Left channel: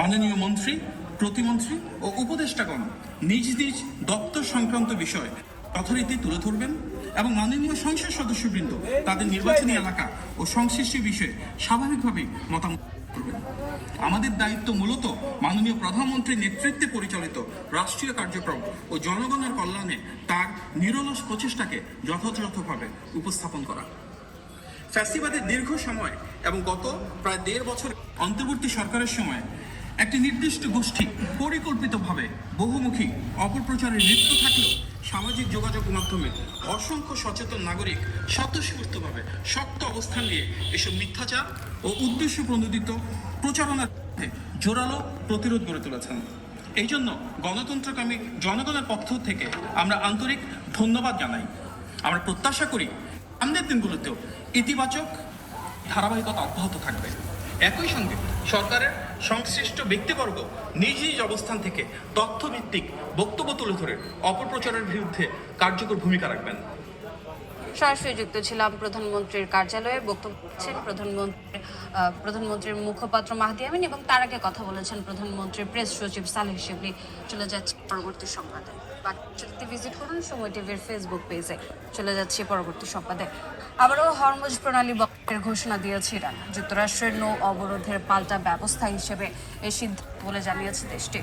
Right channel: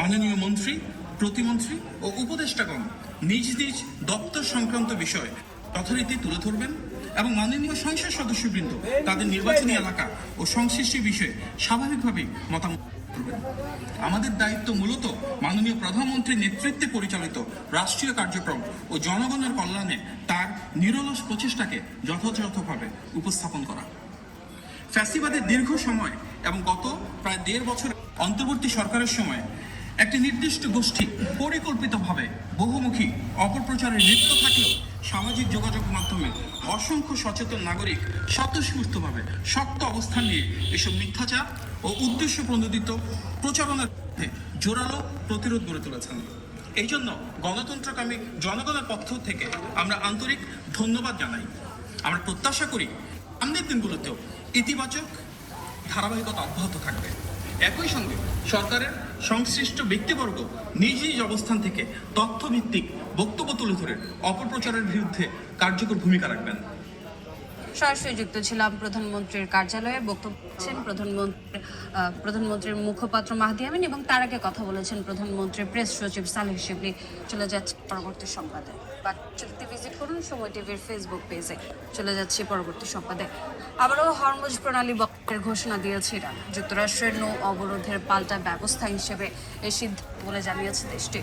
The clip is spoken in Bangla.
মাননীয় মন্ত্রী, প্রতিমন্ত্রী ও উপদেষ্টাগণ নিজ নিজ দপ্তর সংক্রান্ত বিষয় যথারীতি তুলে ধরবেন এবং মাননীয় সংসদ সদস্যবৃন্দ তাদের নির্বাচনী এলাকা ও সংশ্লিষ্ট বিষয়ে স্বাভাবিকভাবেই মতামত করবেন। আমাদের দায়িত্ব মূলত মাননীয় প্রধানমন্ত্রীর নেতৃত্বে পরিচালিত রাষ্ট্রীয় কার্যক্রম ও জনগণের কল্যাণে তার নিরলস প্রচেষ্টাকে যথাযথভাবে উপস্থাপন করা। ফ্যাসিবাদের দীর্ঘ সময় এবং গত প্রায় 1.5 বছর অন্তর্বর্তী সরকারের সময় একটি নির্দিষ্ট গোষ্ঠী পরিকল্পিতভাবে বহুমুখী অপপ্রচারে লিপ্ত থাকলেও সামাজিক যোগাযোগ মাধ্যমে অসংখ্য সচেতন নাগরিক স্বতঃস্ফূর্তভাবে শক্ত অবস্থান নিয়ে এসব মিথ্যাচার ও উদ্দেশ্য প্রণোদিত প্রচারণার বিরুদ্ধে জোরালো প্রতিরোধ গড়ে তুলেছেন। এই জন্য গণতন্ত্রকামী জনগণের পক্ষ থেকে আমরা আন্তরিক ধন্যবাদ জানাই। আমরা প্রত্যাশা করি সামনের দিনগুলোতেও ইতিবাচক ধারাবাহিকতা অব্যাহত থাকবে। একই সঙ্গে সরকারের সংশ্লিষ্ট ব্যক্তিবর্গ নিজ নিজ অবস্থান থেকে তথ্যভিত্তিক বক্তব্য তুলে ধরে অপপ্রচারের বিরুদ্ধে কার্যকর ভূমিকা রাখবেন। সরাসরি যুক্ত ছিলাম প্রধানমন্ত্রীর কার্যালয়ে। বক্তব্য দিচ্ছেন প্রধানমন্ত্রীর মুখপাত্র মাহদি আমিন এবং তার আগে কথা বলেছেন প্রধানমন্ত্রীর প্রেস সচিব সালেহ শিবলি। চলে যাচ্ছে পরবর্তী সংবাদে। বাকি ভিজিট করুন সময় টিভির ফেসবুক পেজে। চলে যাচ্ছে পরবর্তী সংবাদে। আবারও হরমুজ প্রণালী বন্ধের ঘোষণা দিয়েছে ইরান। যুক্তরাষ্ট্রের নৌ অবরোধের পাল্টা ব্যবস্থা হিসেবে এই সিদ্ধান্ত বলে জানিয়েছে দেশটি।